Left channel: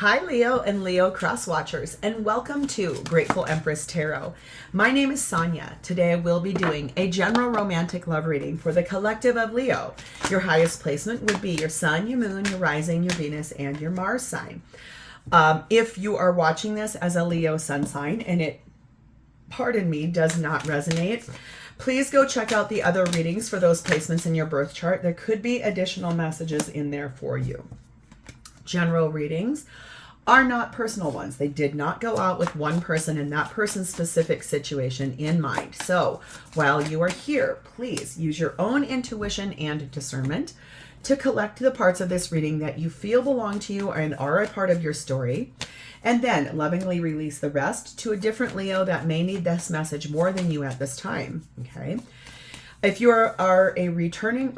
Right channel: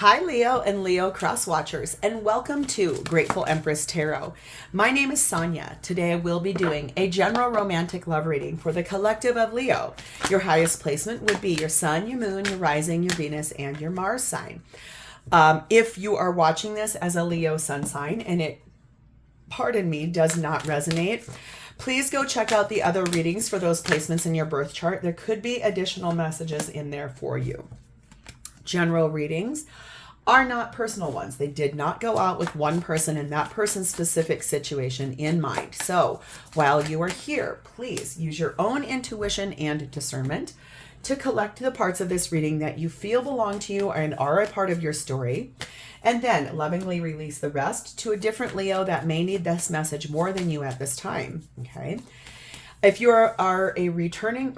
Hi, Leo and Leo cross watchers, and welcome to Grateful Empress Tarot. My name is Sonia. Today I will be doing a general romantic love reading for the collective of Leo. Your highest placement would be your Sun, your Moon, your Rising, your Venus, and your Mars sign. If you are watching this as a Leo sun sign and it, pardon me, does not resonate, please go check out the other readings for those placements in your birth chart. There could be additional messages in there for you. General readings are not personal ones. They did not go out with one person and that person's specific situation in mind. So while you are here, please use your own intuition and discernment to collect the parts of this reading that you feel belong to you and are a part of your story, and then lovingly release the rest to a different Leo that may need this message more than you at this time. Okay. If you are a returning,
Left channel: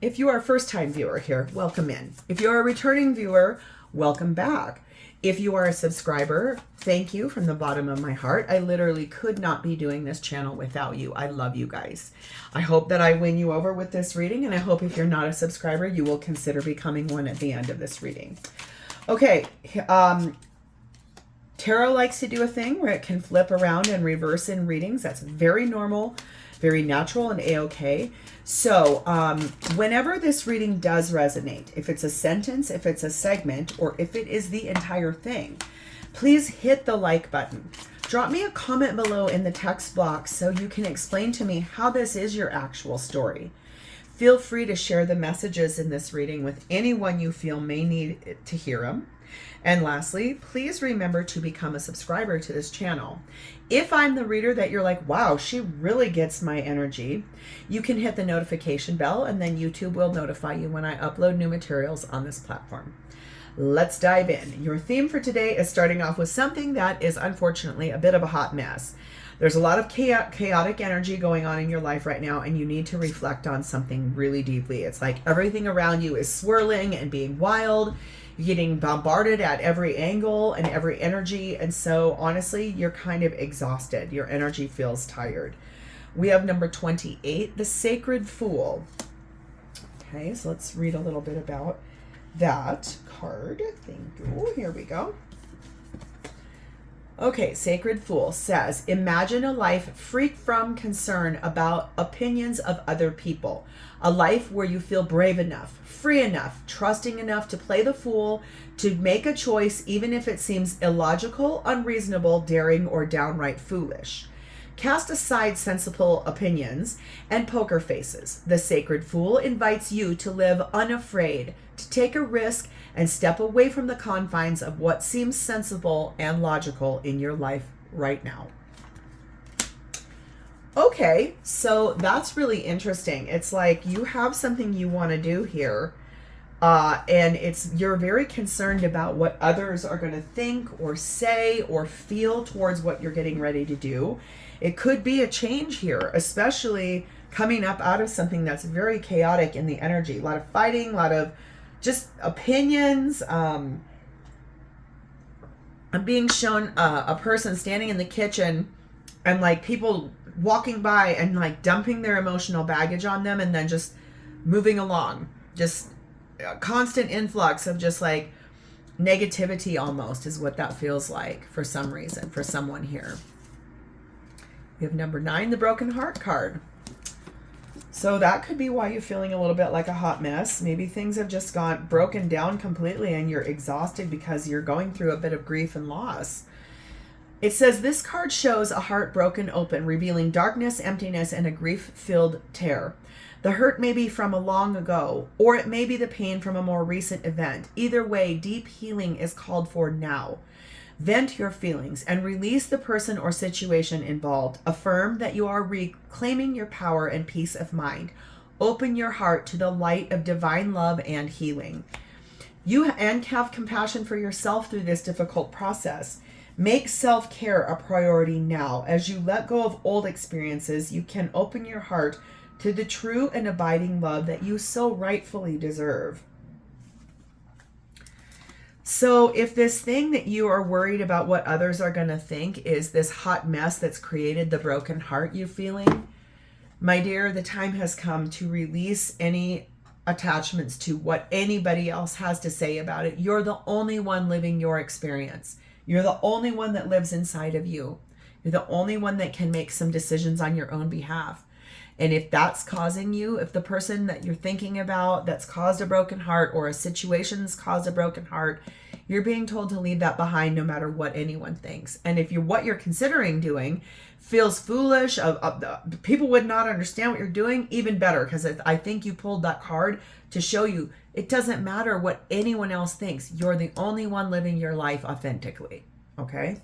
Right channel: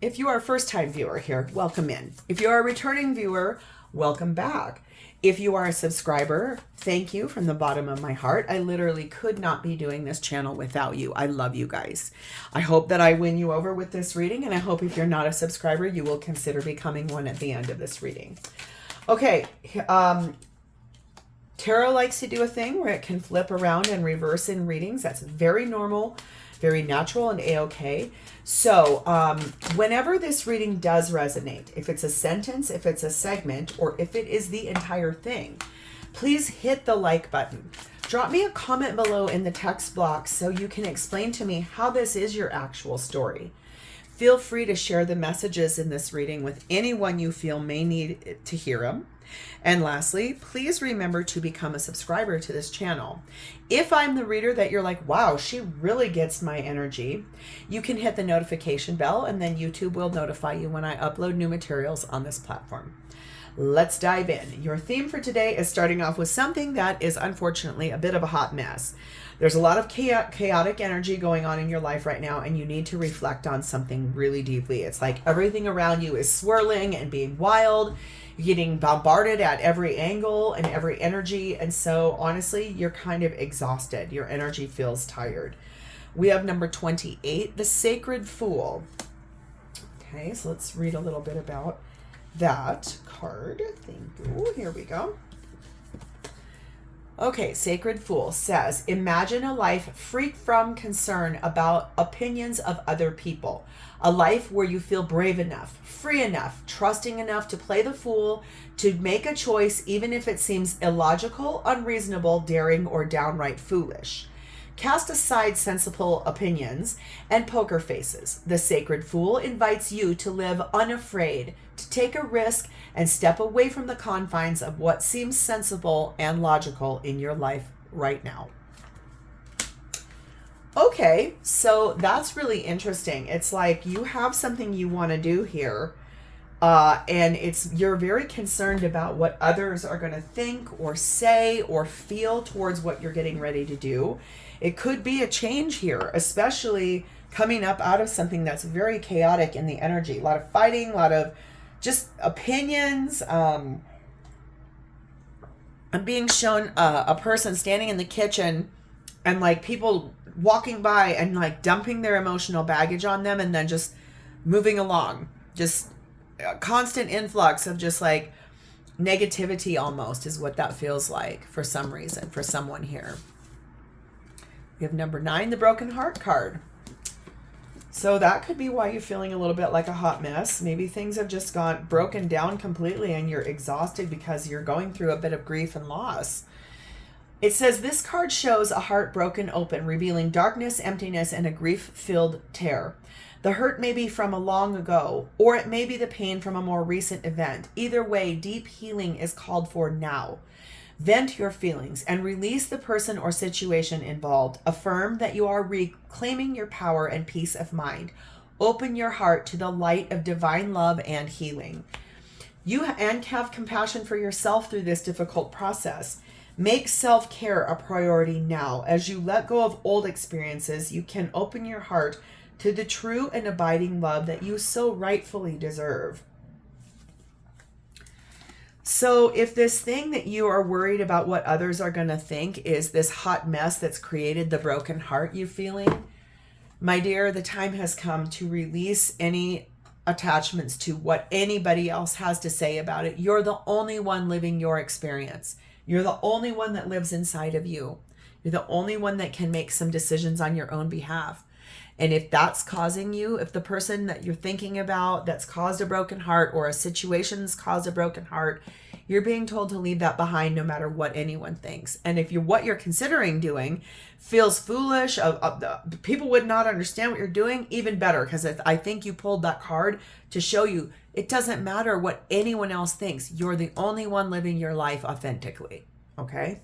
if you are a first-time viewer here, welcome in. If you are a returning viewer, welcome back. If you are a subscriber, thank you from the bottom of my heart. I literally could not be doing this channel without you. I love you guys. I hope that I win you over with this reading, and I hope if you're not a subscriber, you will consider becoming one at the end of this reading. Okay, tarot likes to do a thing where it can flip around and reverse in readings. That's very normal, very natural, and a-okay. So whenever this reading does resonate, if it's a sentence, if it's a segment, or if it is the entire thing, please hit the like button. Drop me a comment below in the text box so you can explain to me how this is your actual story. Feel free to share the messages in this reading with anyone you feel may need to hear them. And lastly, please remember to become a subscriber to this channel. If I'm the reader that you're like, wow, she really gets my energy, you can hit the notification bell and then YouTube will notify you when I upload new materials on this platform. Let's dive in. Your theme for today is starting off with something that is unfortunately a bit of a hot mess. There's a lot of chaotic energy going on in your life right now, and you need to reflect on something really deeply. It's like everything around you is swirling and being wild. You're getting bombarded at every angle and every energy. And so honestly, you're kind of exhausted. Your energy feels tired. We have number 28, the Sacred Fool. Okay, so let's read a little bit about that card. Thank you. Here we go. Okay, Sacred Fool says, imagine a life free from concern about opinions of other people. A life where you feel brave enough, free enough, trusting enough to play the fool, to make a choice even if it seems illogical, unreasonable, daring, or downright foolish. Cast aside sensible opinions and poker faces. The Sacred Fool invites you to live unafraid, to take a risk and step away from the confines of what seems sensible and logical in your life right now. Okay, so that's really interesting. It's like you have something you want to do here, and you're very concerned about what others are going to think or say or feel towards what you're getting ready to do. It could be a change here, especially coming up out of something that's very chaotic in the energy. A lot of fighting, a lot of just opinions. I'm being shown a person standing in the kitchen and like people walking by and like dumping their emotional baggage on them and then just moving along. Just a constant influx of just like negativity almost is what that feels like for some reason, for someone here. We have number 9, the Broken Heart card. So that could be why you're feeling a little bit like a hot mess. Maybe things have just gone broken down completely and you're exhausted because you're going through a bit of grief and loss. It says this card shows a heart broken open, revealing darkness, emptiness, and a grief-filled tear. The hurt may be from a long ago, or it may be the pain from a more recent event. Either way, deep healing is called for now. Vent your feelings and release the person or situation involved. Affirm that you are reclaiming your power and peace of mind. Open your heart to the light of divine love and healing. You have compassion for yourself through this difficult process. Make self-care a priority now. As you let go of old experiences, you can open your heart to the true and abiding love that you so rightfully deserve. So if this thing that you are worried about what others are going to think is this hot mess that's created the broken heart you're feeling, my dear, the time has come to release any attachments to what anybody else has to say about it. You're the only one living your experience. You're the only one that lives inside of you. You're the only one that can make some decisions on your own behalf. And if that's causing you, if the person that you're thinking about that's caused a broken heart, or a situation's caused a broken heart, you're being told to leave that behind no matter what anyone thinks. And if what you're considering doing feels foolish, people would not understand what you're doing, even better, because I think you pulled that card to show you it doesn't matter what anyone else thinks. You're the only one living your life authentically. Okay?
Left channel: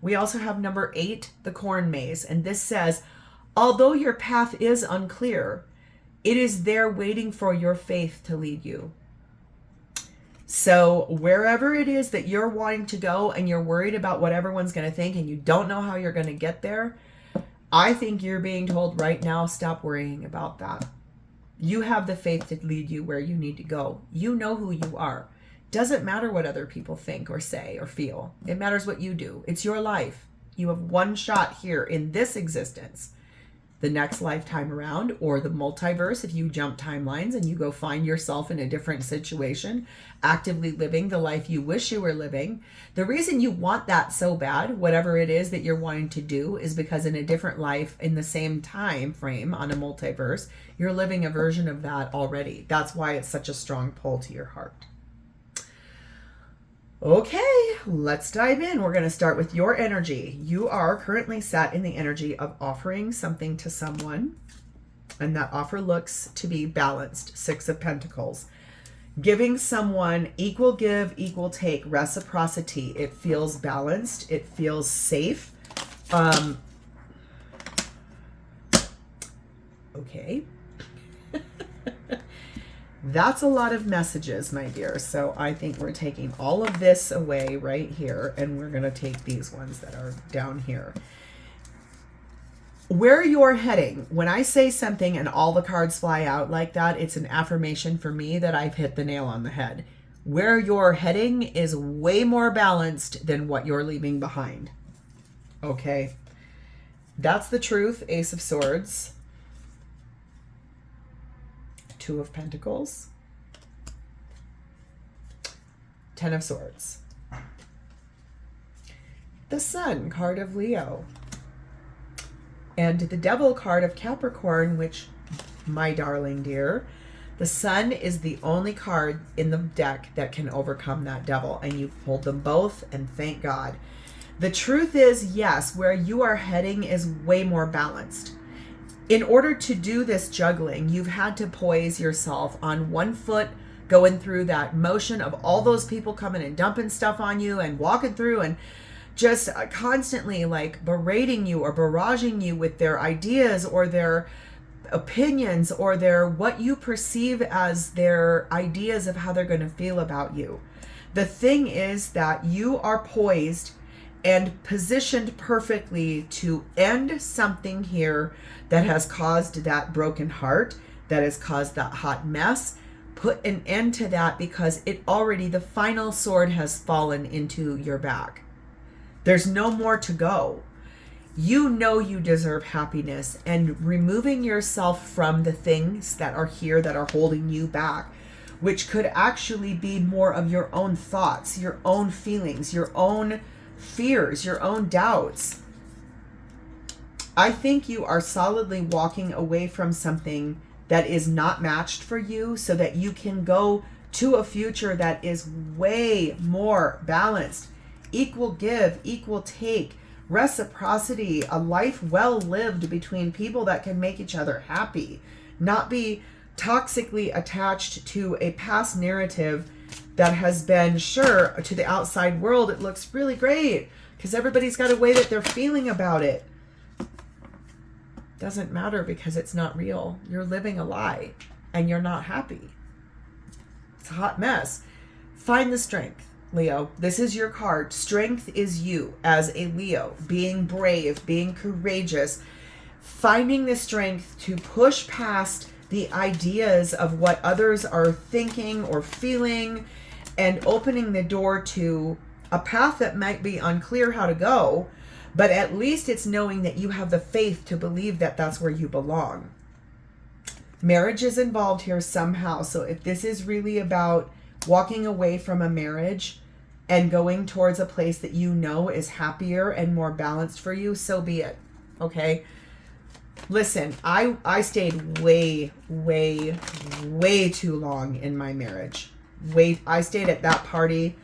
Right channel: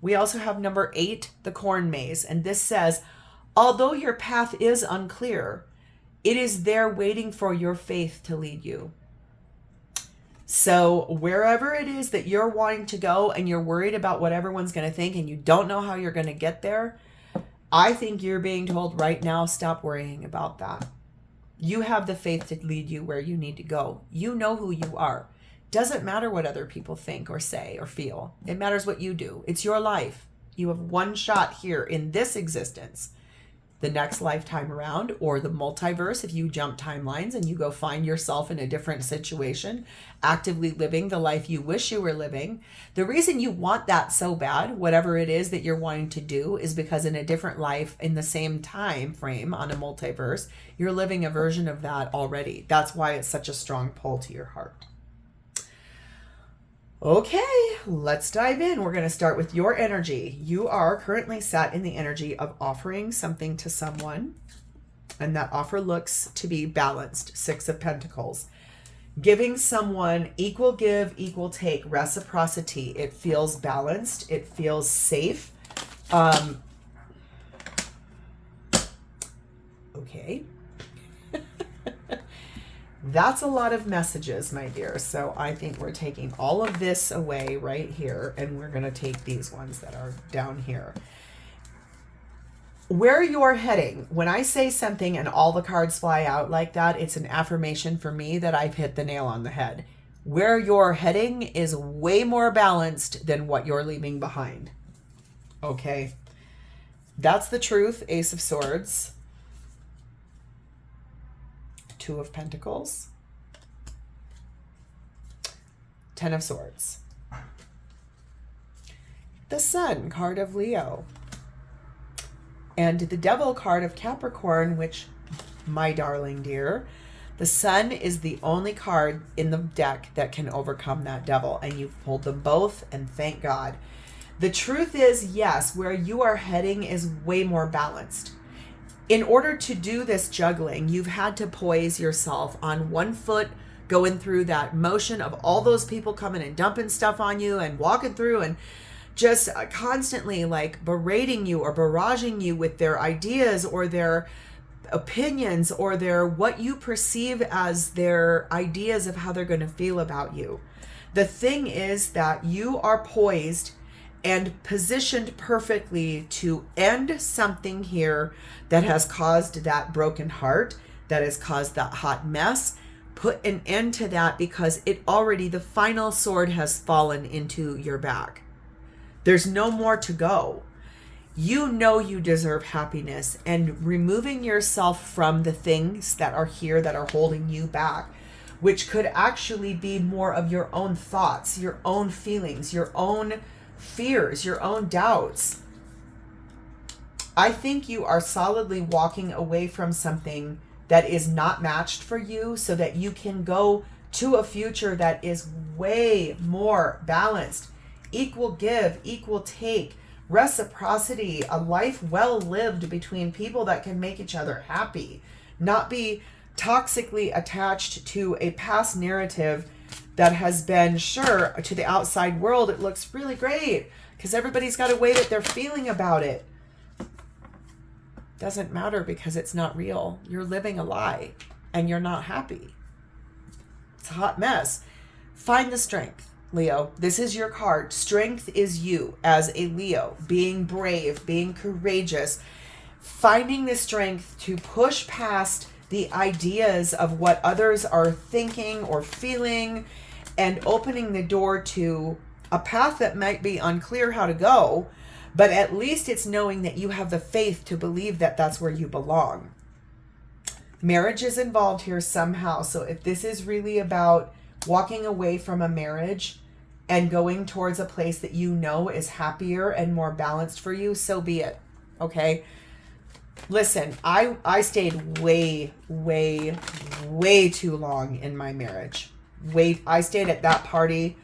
We also have number 8, the corn maze. And this says, although your path is unclear, it is there waiting for your faith to lead you. So wherever it is that you're wanting to go and you're worried about what everyone's going to think and you don't know how you're going to get there, I think you're being told right now, stop worrying about that. You have the faith to lead you where you need to go. You know who you are. Doesn't matter what other people think or say or feel. It matters what you do. It's your life. You have one shot here in this existence. The next lifetime around, or the multiverse, if you jump timelines and you go find yourself in a different situation, actively living the life you wish you were living. The reason you want that so bad, whatever it is that you're wanting to do, is because in a different life, in the same time frame on a multiverse, you're living a version of that already. That's why it's such a strong pull to your heart. Okay, let's dive in. We're going to start with your energy. You are currently sat in the energy of offering something to someone, and that offer looks to be balanced. 6 of Pentacles. Giving someone equal give, equal take, reciprocity. It feels balanced. It feels safe. Okay. That's a lot of messages, my dear. So I think we're taking all of this away right here, and we're going to take these ones that are down here. Where you're heading, when I say something and all the cards fly out like that, it's an affirmation for me that I've hit the nail on the head. Where you're heading is way more balanced than what you're leaving behind. Okay? That's the truth. Ace of Swords. 2 of Pentacles, 10 of Swords, the Sun card of Leo, and the Devil card of Capricorn, which, my darling dear, the Sun is the only card in the deck that can overcome that Devil, and you've pulled them both, and thank God. The truth is, yes, where you are heading is way more balanced. In order to do this juggling, you've had to poise yourself on one foot, going through that motion of all those people coming and dumping stuff on you and walking through and just constantly like berating you or barraging you with their ideas or their opinions or their what you perceive as their ideas of how they're going to feel about you. The thing is that you are poised and positioned perfectly to end something here that has caused that broken heart, that has caused that hot mess. Put an end to that because it already, the final sword has fallen into your back. There's no more to go. You know you deserve happiness, and removing yourself from the things that are here that are holding you back, which could actually be more of your own thoughts, your own feelings, your own fears, your own doubts. I think you are solidly walking away from something that is not matched for you so that you can go to a future that is way more balanced. Equal give, equal take, reciprocity, a life well lived between people that can make each other happy, not be toxically attached to a past narrative that has been, sure, to the outside world, it looks really great because everybody's got a way that they're feeling about it. Doesn't matter because it's not real. You're living a lie and you're not happy. It's a hot mess. Find the strength, Leo. This is your card. Strength is you as a Leo, being brave, being courageous, finding the strength to push past the ideas of what others are thinking or feeling and opening the door to a path that might be unclear how to go, but at least it's knowing that you have the faith to believe that that's where you belong. Marriage is involved here somehow. So if this is really about walking away from a marriage and going towards a place that you know is happier and more balanced for you, so be it. Okay? Listen, I stayed way too long in my marriage. I stayed at that party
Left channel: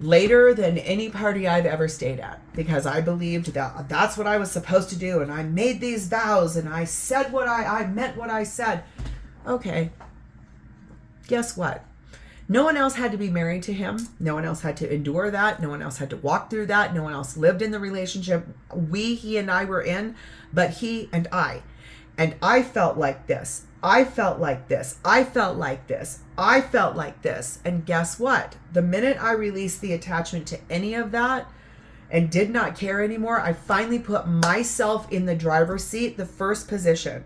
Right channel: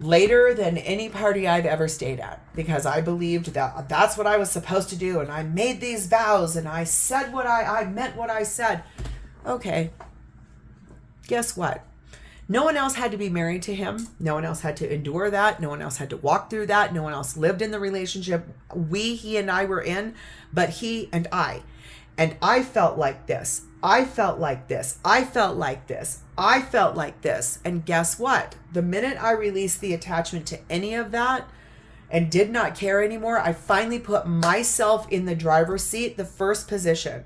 later than any party I've ever stayed at, because I believed that that's what I was supposed to do, and I made these vows, and I said what I meant what I said. Okay. Guess what? No one else had to be married to him. No one else had to endure that. No one else had to walk through that. No one else lived in the relationship he and I were in, but he and I. And I felt like this. I felt like this. I felt like this. I felt like this. And guess what? The minute I released the attachment to any of that and did not care anymore, I finally put myself in the driver's seat, the first position,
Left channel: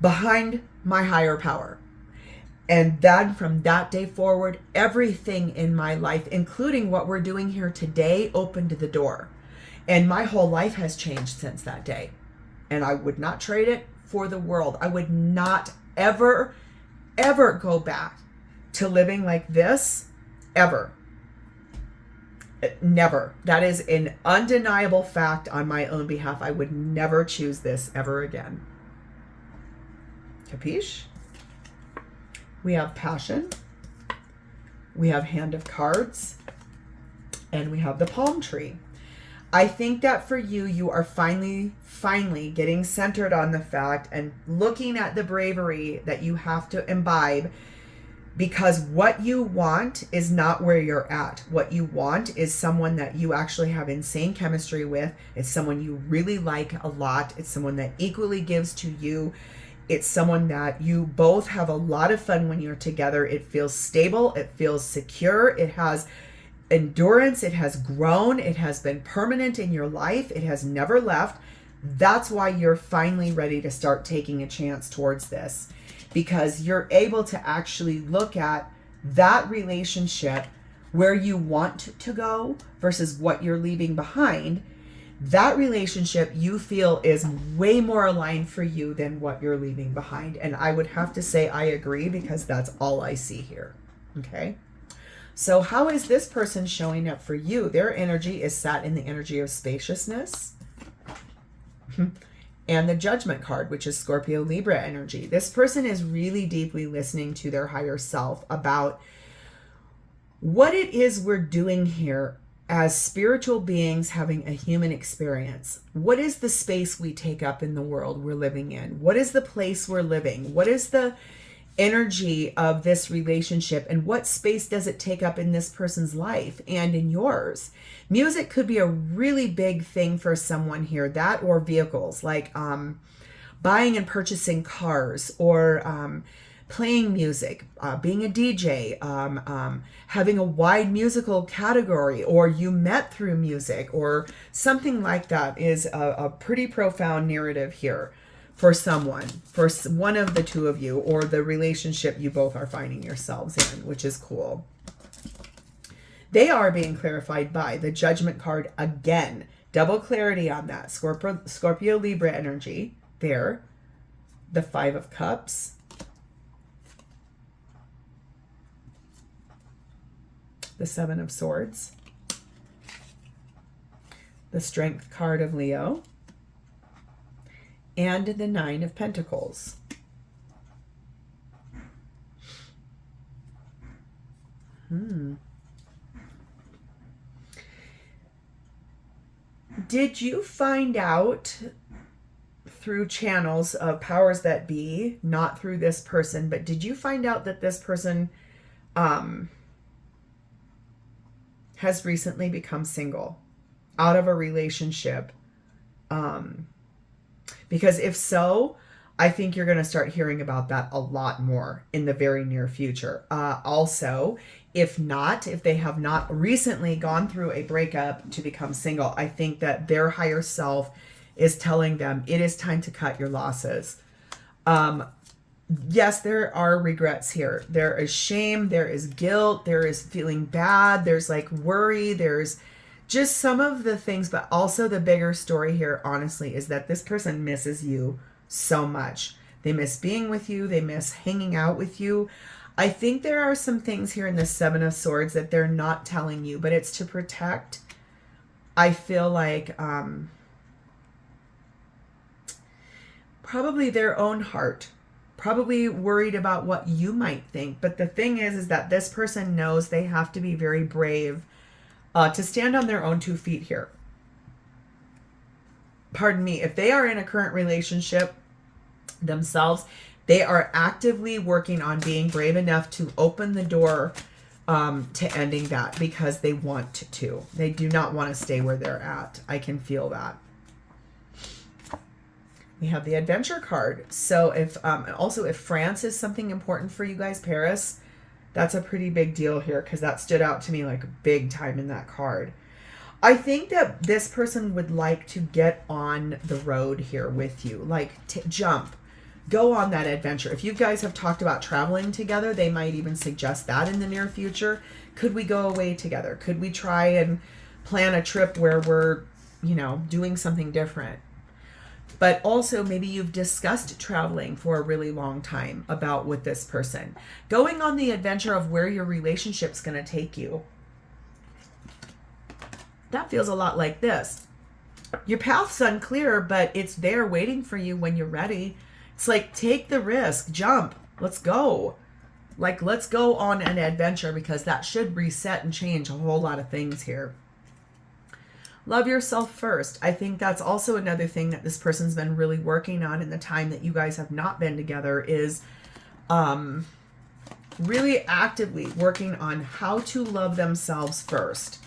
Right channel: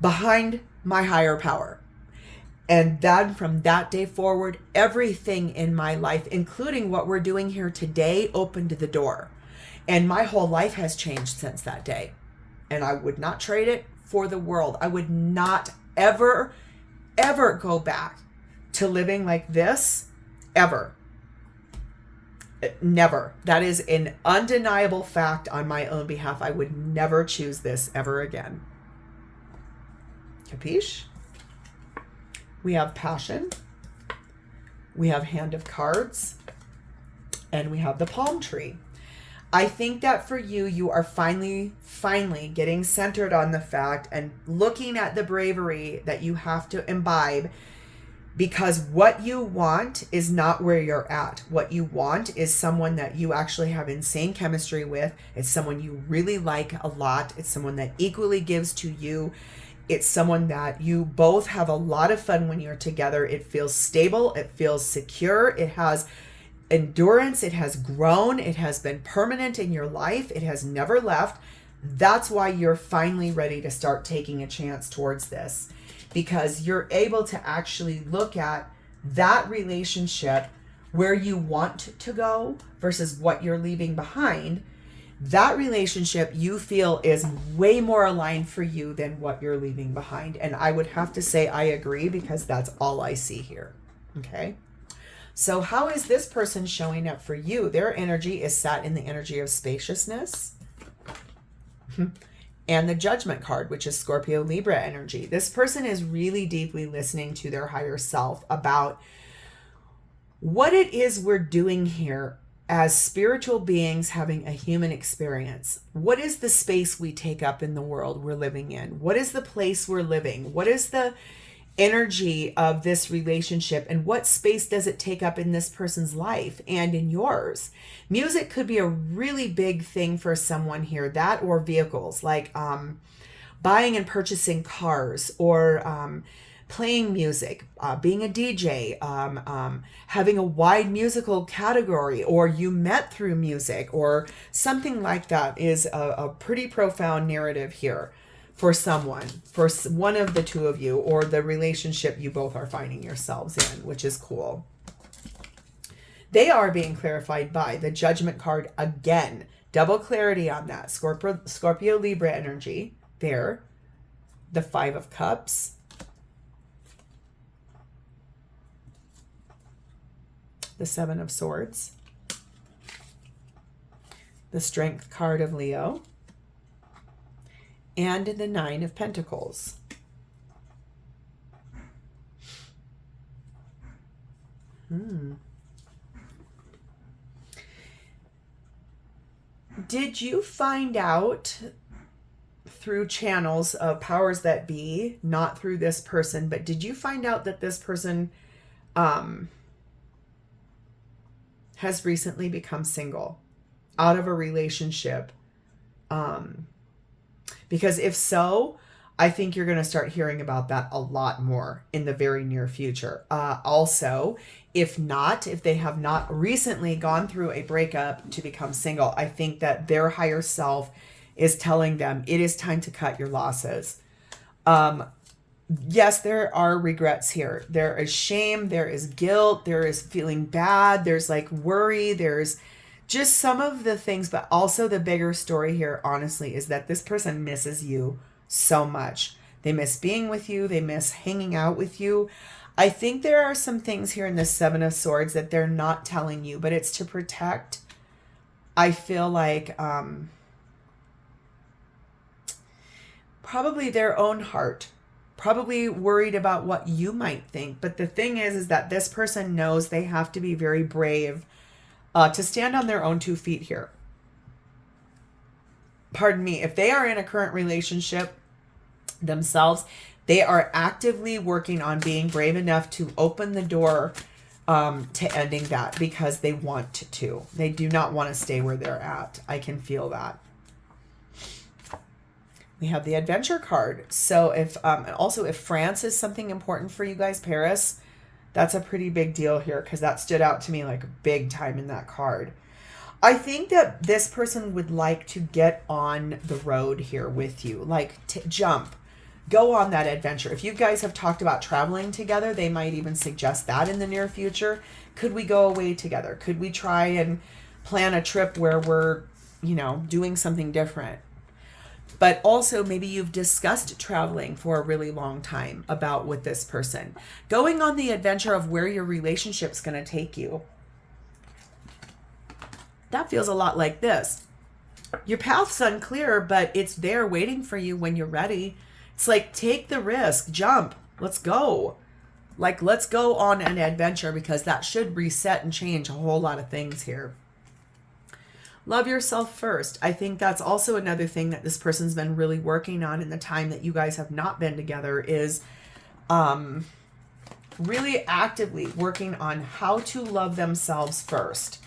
behind my higher power. And then from that day forward, everything in my life, including what we're doing here today, opened the door. And my whole life has changed since that day. And I would not trade it for the world. I would not ever go back to living like this, ever. Never. That is an undeniable fact on my own behalf. I would never choose this ever again. Capiche? We have Passion. We have Hand of Cards. And we have the Palm Tree. I think that for you, you are finally getting centered on the fact and looking at the bravery that you have to imbibe, because what you want is not where you're at. What you want is someone that you actually have insane chemistry with. It's someone you really like a lot. It's someone that equally gives to you. It's someone that you both have a lot of fun when you're together. It feels stable. It feels secure. It has endurance. It has grown. It has been permanent in your life. It has never left. That's why you're finally ready to start taking a chance towards this, because you're able to actually look at that relationship where you want to go versus what you're leaving behind. That relationship you feel is way more aligned for you than what you're leaving behind. And I would have to say I agree, because that's all I see here. Okay. So how is this person showing up for you? Their energy is sat in the energy of spaciousness and the Judgment card, which is Scorpio Libra energy. This person is really deeply listening to their higher self about what it is we're doing here as spiritual beings having a human experience. What is the space we take up in the world we're living in? What is the place we're living? What is the energy of this relationship, and what space does it take up in this person's life and in yours? Music could be a really big thing for someone here, that or vehicles, like buying and purchasing cars, or playing music, being a DJ, having a wide musical category, or you met through music, or something like that is a pretty profound narrative here for someone, for one of the two of you, or the relationship you both are finding yourselves in, which is cool. They are being clarified by the Judgment card again. Double clarity on that. Scorpio Libra energy there. The Five of Cups. The Seven of Swords. The Strength card of Leo. And the Nine of Pentacles. Did you find out through channels of powers that be, not through this person, but did you find out that this person has recently become single, out of a relationship? Because if so, I think you're going to start hearing about that a lot more in the very near future. Also, if they have not recently gone through a breakup to become single, I think that their higher self is telling them it is time to cut your losses. Yes, there are regrets here. There is shame. There is guilt. There is feeling bad. There's like worry. There's just some of the things, but also the bigger story here, honestly, is that this person misses you so much. They miss being with you. They miss hanging out with you. I think there are some things here in the Seven of Swords that they're not telling you, but it's to protect. I feel like probably their own heart, probably worried about what you might think. But the thing is that this person knows they have to be very brave to stand on their own 2 feet here. Pardon me, if they are in a current relationship themselves, they are actively working on being brave enough to open the door to ending that because they want to. They do not want to stay where they're at. I can feel that. We have the adventure card. So if also if France is something important for you guys, Paris, that's a pretty big deal here because that stood out to me like big time in that card. I think that this person would like to get on the road here with you, like jump, go on that adventure. If you guys have talked about traveling together, they might even suggest that in the near future. Could we go away together? Could we try and plan a trip where we're, you know, doing something different? But also maybe you've discussed traveling for a really long time about with this person. Going on the adventure of where your relationship's going to take you. That feels a lot like this. Your path's unclear, but it's there waiting for you when you're ready. It's like, take the risk, jump, let's go. Like, let's go on an adventure because that should reset and change a whole lot of things here. Love yourself first. I think that's also another thing that this person's been really working on in the time that you guys have not been together is really actively working on how to love themselves first.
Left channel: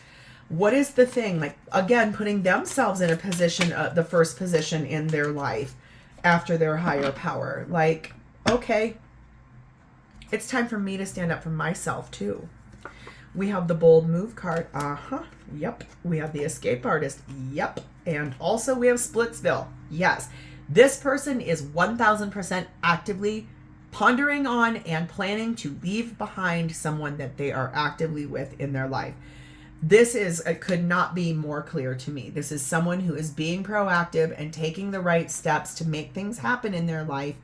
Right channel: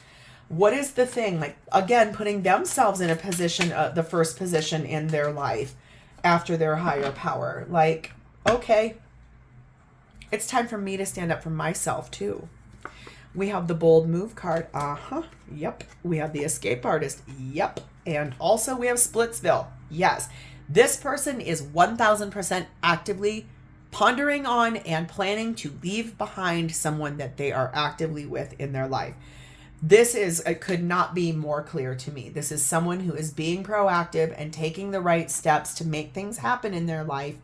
What is the thing? Like, again, putting themselves in a position, the first position in their life after their higher power. Like, okay, it's time for me to stand up for myself too. We have the bold move card. Yep. We have the escape artist. Yep. And also we have Splitsville. Yes. This person is 1000% actively pondering on and planning to leave behind someone that they are actively with in their life. This is, it could not be more clear to me. This is someone who is being proactive and taking the right steps to make things happen in their life.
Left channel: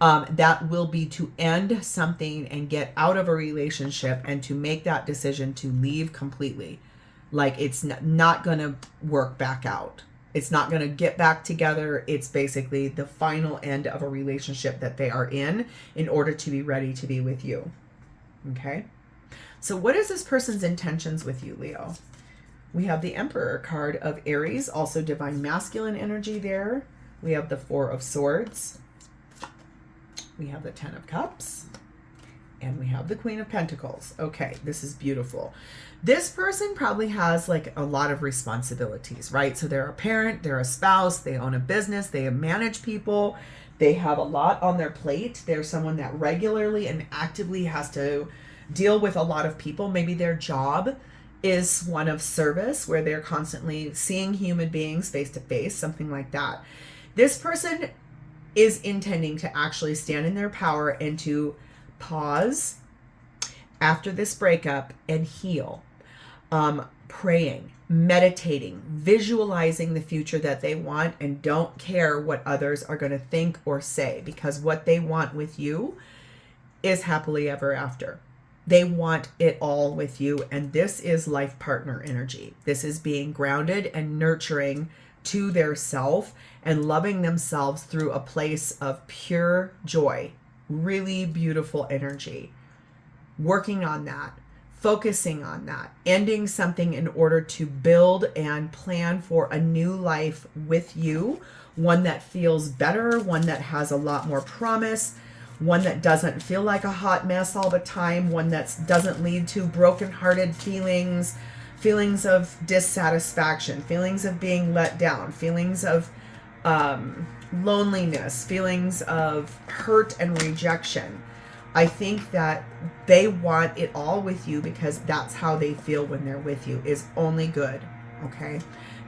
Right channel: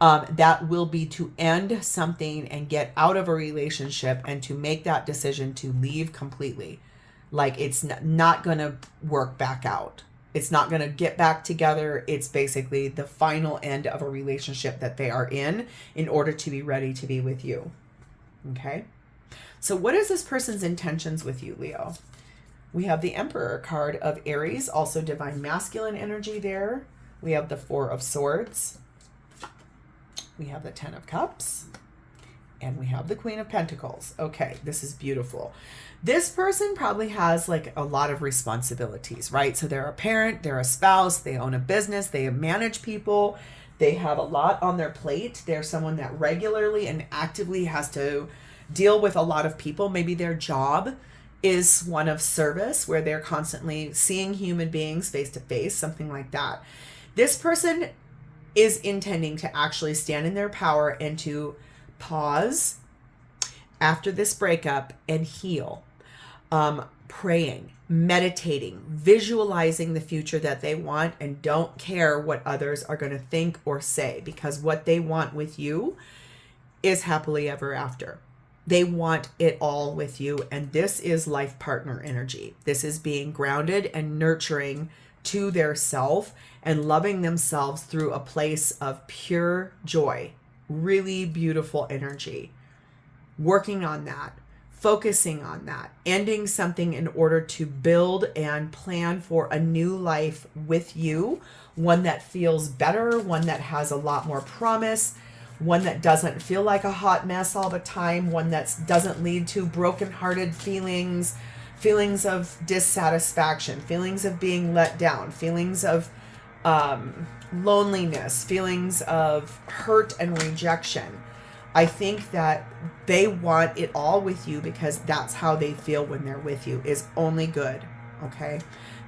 That will be to end something and get out of a relationship and to make that decision to leave completely. Like, it's not going to work back out. It's not going to get back together. It's basically the final end of a relationship that they are in order to be ready to be with you. Okay? So what is this person's intentions with you, Leo? We have the Emperor card of Aries, also divine masculine energy there. We have the Four of Swords. We have the Ten of Cups. And we have the Queen of Pentacles. Okay, this is beautiful. This person probably has like a lot of responsibilities, right? So they're a parent, they're a spouse, they own a business, they manage people, they have a lot on their plate. They're someone that regularly and actively has to deal with a lot of people. Maybe their job is one of service where they're constantly seeing human beings face to face, something like that. This person is intending to actually stand in their power and to pause after this breakup and heal. Praying, meditating, visualizing the future that they want, and don't care what others are going to think or say, because what they want with you is happily ever after. They want it all with you, and this is life partner energy. This is being grounded and nurturing to their self and loving themselves through a place of pure joy. Really beautiful energy. Working on that, focusing on that, ending something in order to build and plan for a new life with you, one that feels better, one that has a lot more promise, one that doesn't feel like a hot mess all the time, one that doesn't lead to brokenhearted feelings of dissatisfaction, feelings of being let down, feelings of loneliness, feelings of hurt and rejection. I think that they want it all with you because that's how they feel when they're with you, is only good, okay?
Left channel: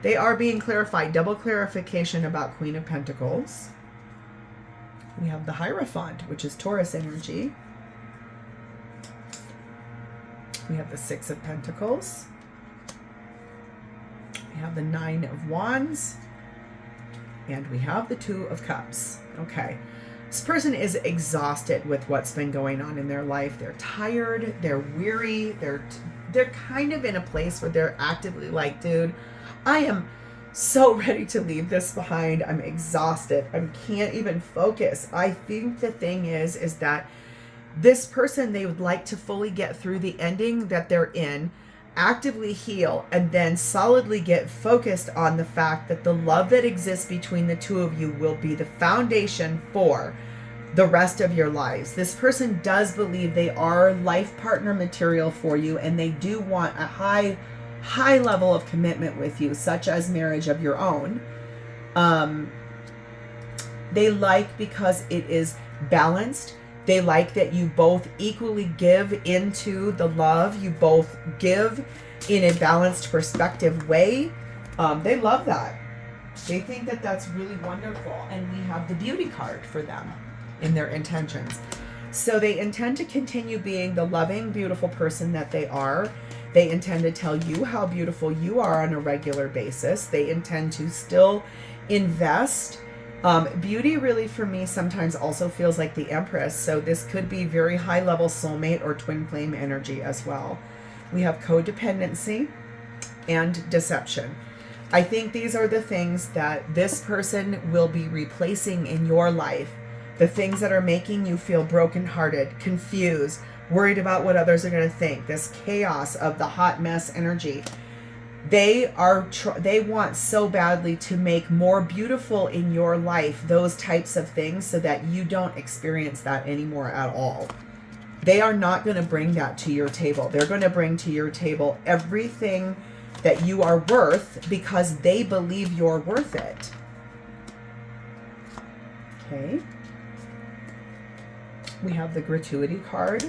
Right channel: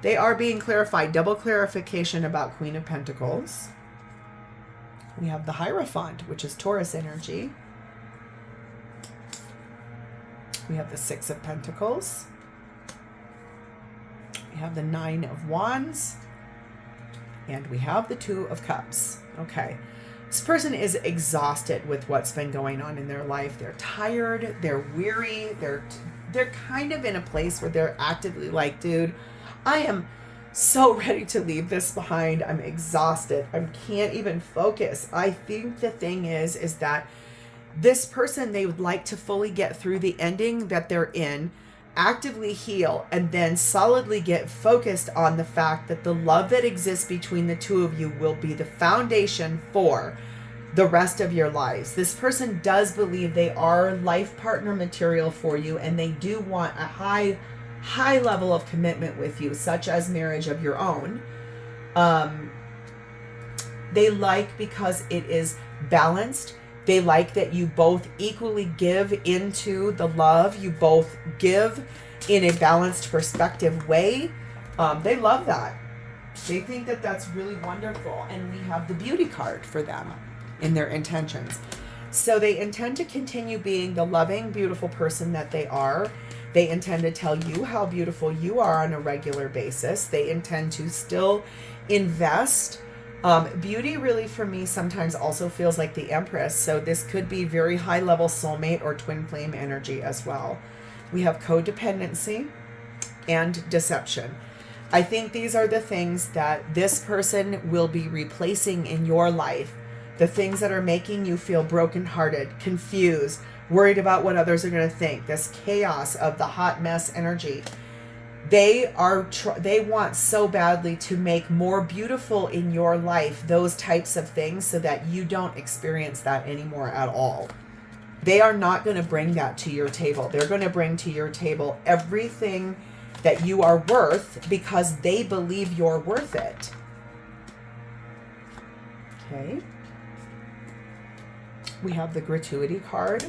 They are being clarified. Double clarification about Queen of Pentacles. We have the Hierophant, which is Taurus energy. We have the Six of Pentacles. We have the Nine of Wands. And we have the Two of Cups. Okay. This person is exhausted with what's been going on in their life. They're tired, they're weary, they're kind of in a place where they're actively like, dude, I am so ready to leave this behind. I'm exhausted. I can't even focus. I think the thing is that this person, they would like to fully get through the ending that they're in, actively heal, and then solidly get focused on the fact that the love that exists between the two of you will be the foundation for the rest of your lives. This person does believe they are life partner material for you, and they do want a high level of commitment with you, such as marriage of your own. They like because it is balanced. They like that you both equally give into the love. You both give in a balanced perspective way. They love that. They think that that's really wonderful. And we have the beauty card for them in their intentions. So they intend to continue being the loving, beautiful person that they are. They intend to tell you how beautiful you are on a regular basis. They intend to still invest. Beauty really for me sometimes also feels like the Empress. So this could be very high level soulmate or twin flame energy as well. We have codependency and deception. I think these are the things that this person will be replacing in your life. The things that are making you feel brokenhearted, confused, worried about what others are going to think. This chaos of the hot mess energy. They want so badly to make more beautiful in your life those types of things so that you don't experience that anymore at all. They are not going to bring that to your table. They're going to bring to your table everything that you are worth because they believe you're worth it. Okay. We have the gratuity card.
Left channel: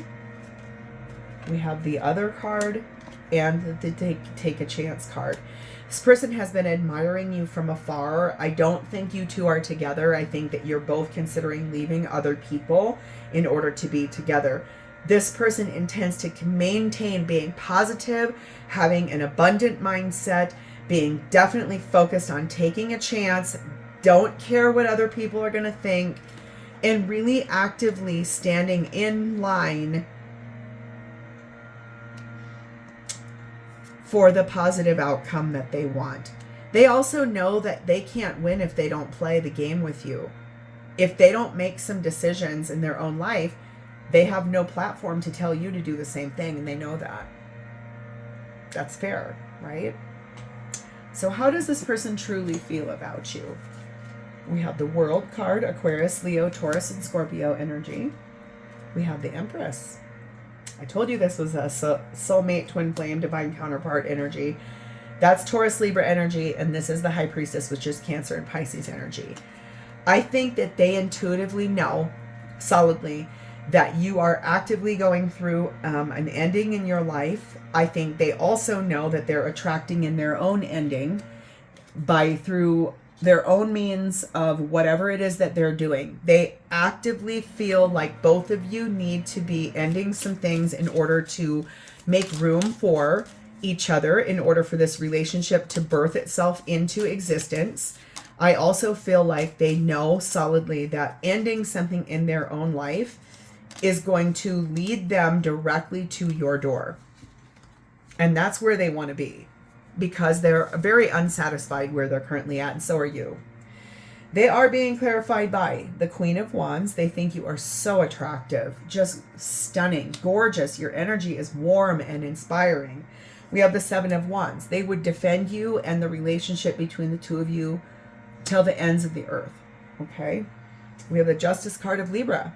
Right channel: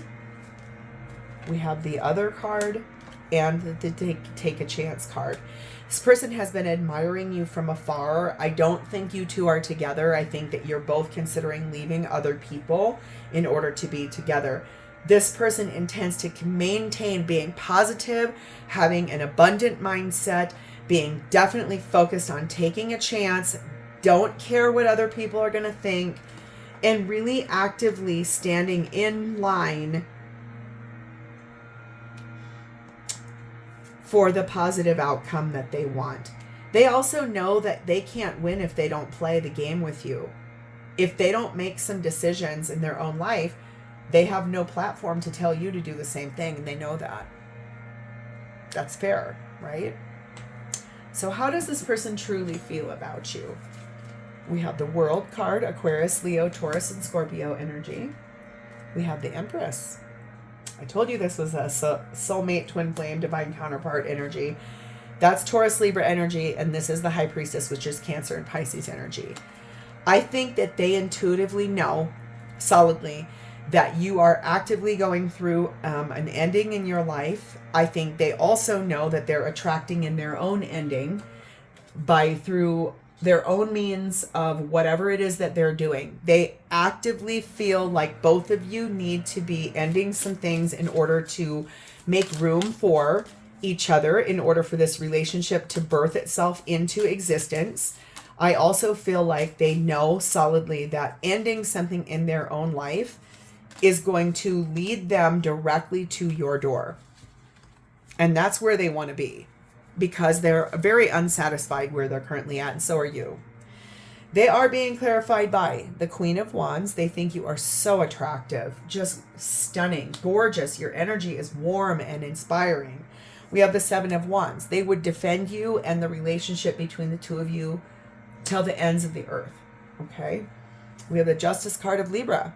We have the other card. And the take a chance card. This person has been admiring you from afar. I don't think you two are together. I think that you're both considering leaving other people in order to be together. This person intends to maintain being positive, having an abundant mindset, being definitely focused on taking a chance, don't care what other people are going to think, and really actively standing in line for the positive outcome that they want. They also know that they can't win if they don't play the game with you. If they don't make some decisions in their own life, they have no platform to tell you to do the same thing, and they know that. That's fair, right? So how does this person truly feel about you? We have the World card, Aquarius, Leo, Taurus, and Scorpio energy. We have the Empress. I told you this was a soulmate, twin flame, divine counterpart energy. That's Taurus, Libra energy, and this is the High Priestess, which is Cancer and Pisces energy. I think that they intuitively know solidly that you are actively going through an ending in your life. I think they also know that they're attracting in their own ending through their own means of whatever it is that they're doing. They actively feel like both of you need to be ending some things in order to make room for each other, in order for this relationship to birth itself into existence. I also feel like they know solidly that ending something in their own life is going to lead them directly to your door. And that's where they want to be, because they're very unsatisfied where they're currently at, and so are you. They are being clarified by the Queen of Wands. They think you are so attractive, just stunning, gorgeous. Your energy is warm and inspiring. We have the Seven of Wands. They would defend you and the relationship between the two of you till the ends of the earth. Okay? We have the Justice card of Libra.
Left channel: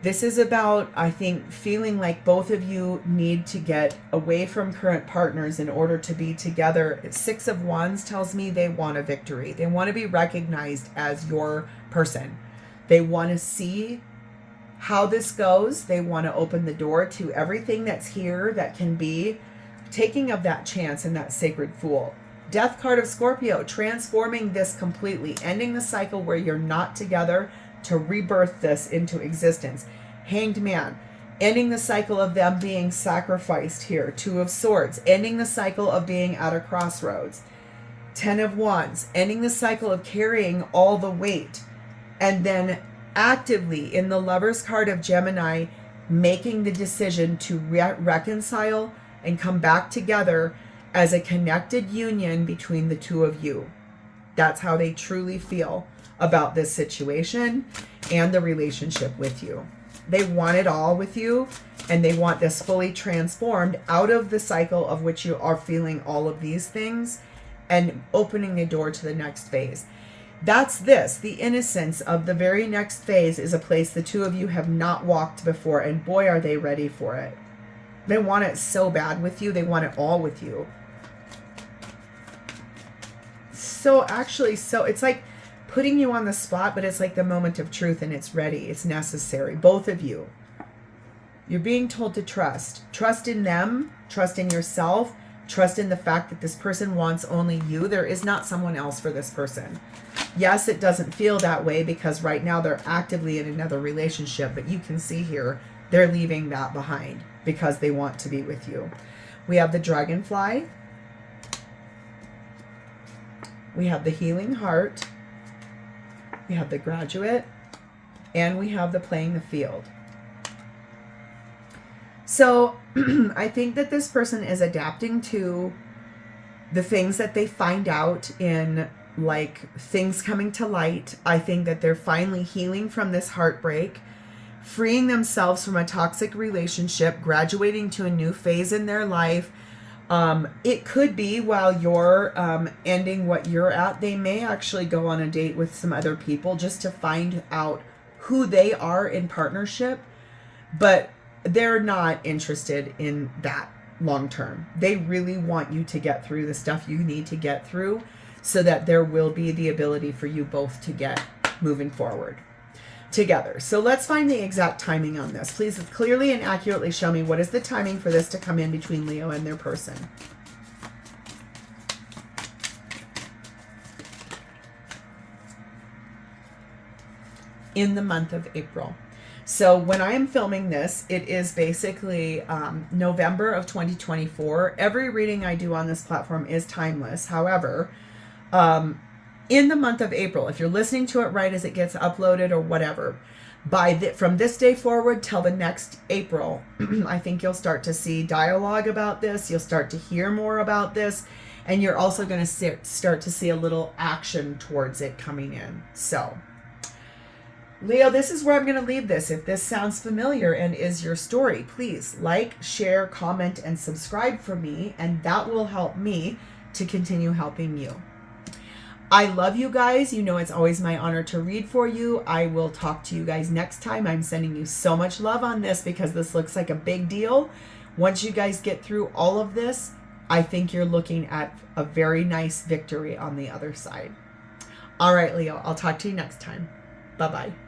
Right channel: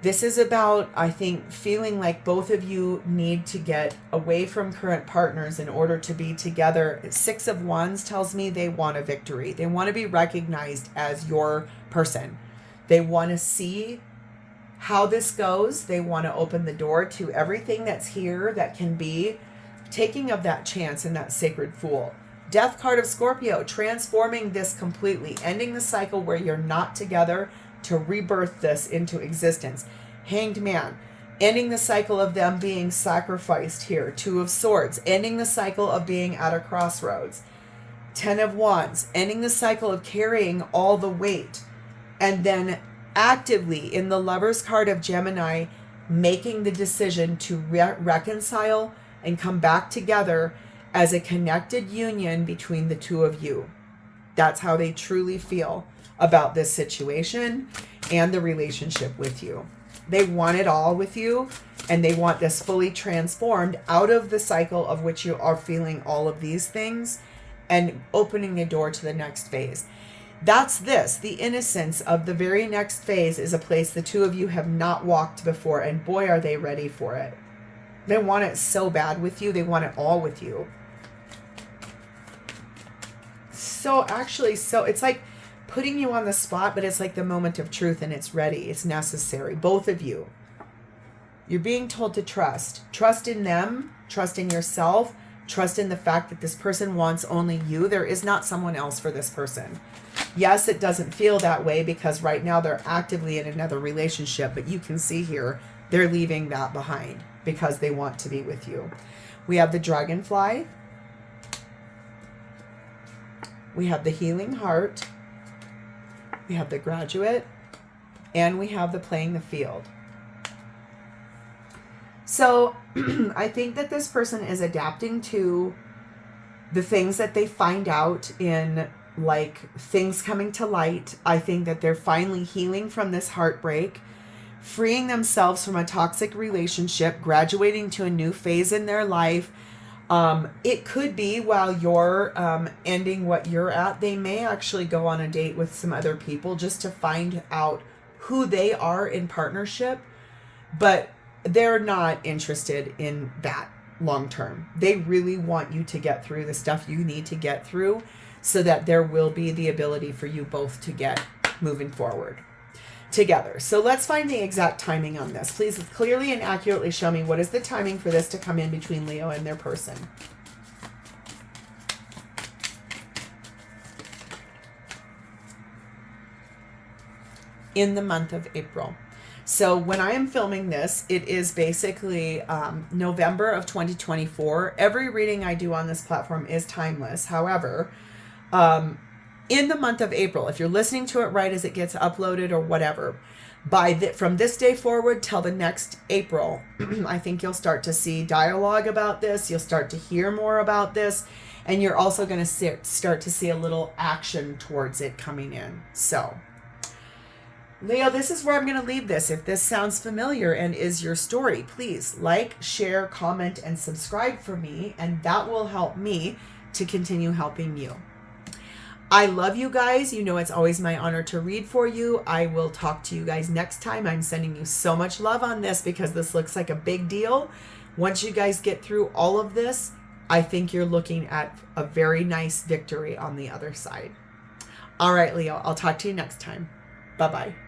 This is about, I think, feeling like both of you need to get away from current partners in order to be together. Six of Wands tells me they want a victory. They want to be recognized as your person. They want to see how this goes. They want to open the door to everything that's here that can be, taking of that chance and that sacred fool. Death card of Scorpio, transforming this completely, ending the cycle where you're not together, to rebirth this into existence. Hanged Man, ending the cycle of them being sacrificed here. Two of Swords, ending the cycle of being at a crossroads. Ten of Wands, ending the cycle of carrying all the weight, and then actively, in the Lover's card of Gemini, making the decision to reconcile and come back together as a connected union between the two of you. That's how they truly feel about this situation and the relationship with you. They want it all with you, and they want this fully transformed out of the cycle of which you are feeling all of these things and opening the door to the next phase. That's this. The innocence of the very next phase is a place the two of you have not walked before, and boy, are they ready for it. They want it so bad with you. They want it all with you. So actually, it's like putting you on the spot, but it's like the moment of truth, and it's ready. It's necessary. Both of you. You're being told to trust. Trust in them. Trust in yourself. Trust in the fact that this person wants only you. There is not someone else for this person. Yes, it doesn't feel that way because right now they're actively in another relationship, but you can see here they're leaving that behind because they want to be with you. We have the Dragonfly. We have the Healing Heart. We have the Graduate. And we have the Playing the Field. So I think that this person is adapting to the things that they find out in, like, things coming to light. I think that they're finally healing from this heartbreak, freeing themselves from a toxic relationship, graduating to a new phase in their life. It could be while you're ending what you're at, they may actually go on a date with some other people just to find out who they are in partnership. But they're not interested in that long term. They really want you to get through the stuff you need to get through so that there will be the ability for you both to get moving forward together. So let's find the exact timing on this. Please clearly and accurately show me what is the timing for this to come in between Leo and their person. In the month of April. So when I am filming this, it is basically November of 2024. Every reading I do on this platform is timeless. However, in the month of April, if you're listening to it right as it gets uploaded or whatever, from this day forward till the next April, I think you'll start to see dialogue about this. You'll start to hear more about this. And you're also going to start to see a little action towards it coming in. So Leo, this is where I'm going to leave this. If this sounds familiar and is your story, please like, share, comment, and subscribe for me, and that will help me to continue helping you. I love you guys. You know it's always my honor to read for you. I will talk to you guys next time. I'm sending you so much love on this because this looks like a big deal. Once you guys get through all of this, I think you're looking at a very nice victory on the other side. All right, Leo, I'll talk to you next time. Bye-bye.